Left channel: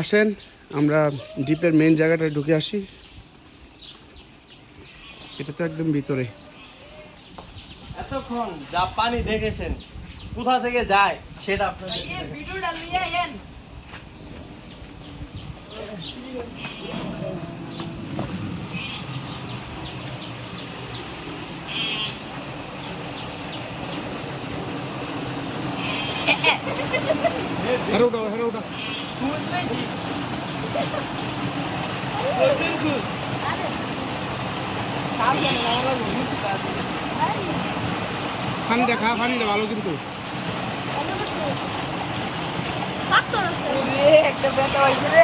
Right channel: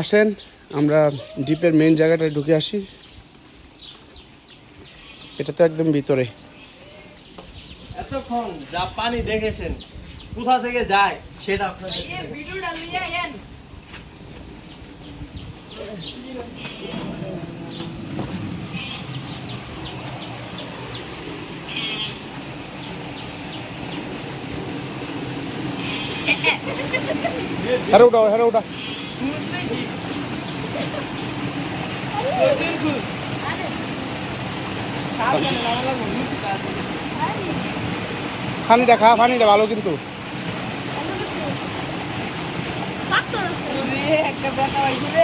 আসেন আমরা ডিপের মেইন জায়গাটায় ঢুকে আসি। এটা তো একদম ভিতরে। এতক্ষণ যা পানি দেখেছেন কোথা থেকে যায় সেটা আপনাদের ভিডিওটা নিয়ে আইেন। আরে ওটা আরে ওটা পানিটা খা, পানিটা ভালো কিন্তু। একটা ব্যথা হয়েছে রে।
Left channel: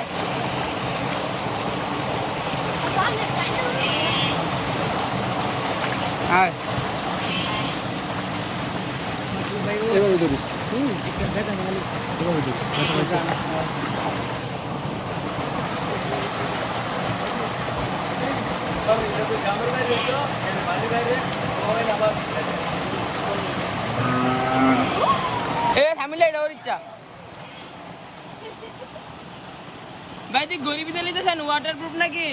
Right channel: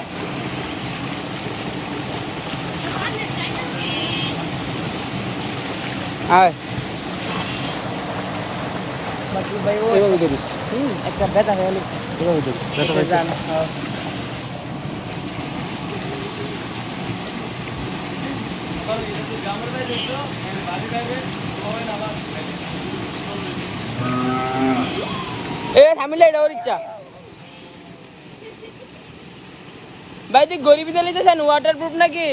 হ্যাঁ এভাবে ধরিস। একটা ব্যথা হলো। এভাবে ধরিস, ব্যথা পাইছে। ভাই তুই গরিবি চালিয়েছেন ওয়াটারপ্রুফ নাকি?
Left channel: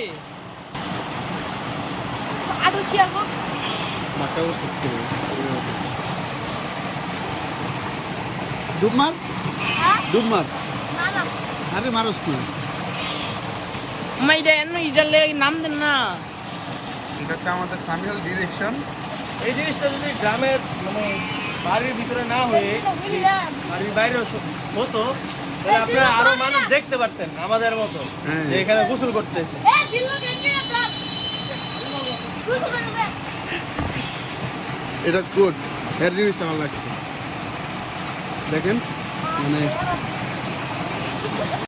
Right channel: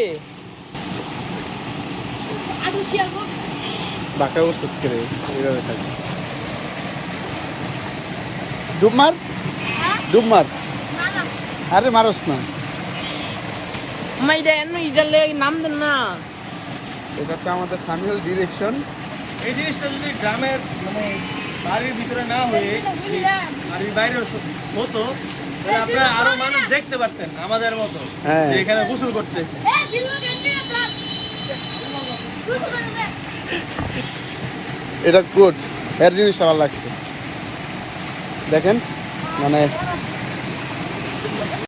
আটু ছিয়াগো। ঢাকা উঠছিস করে এভাবে থাক। ডুব মার, হ্যাঁ? ডুব মার। না না। আরে মারস না। আমার ইজালে নাম দেন না। এটা হচ্ছে আমাদের সামিউল ডিরেকশন। এই জিনিসটা যদি গ্রামের মানে বাড়ির ভিতরে না হয়ে বাড়ির বাইরে হতো তাহলে আপনারা আরো মানুষ দেখতে পারতেন আমাদের মতো হ্যাঁ। যে এখানে গোসল করতেছে। এ দিল্লো গেন্ডি না দাও। তুই তো করবে। এটা গুড, এর জিনিস আমার লাগছে। দেখেন মানে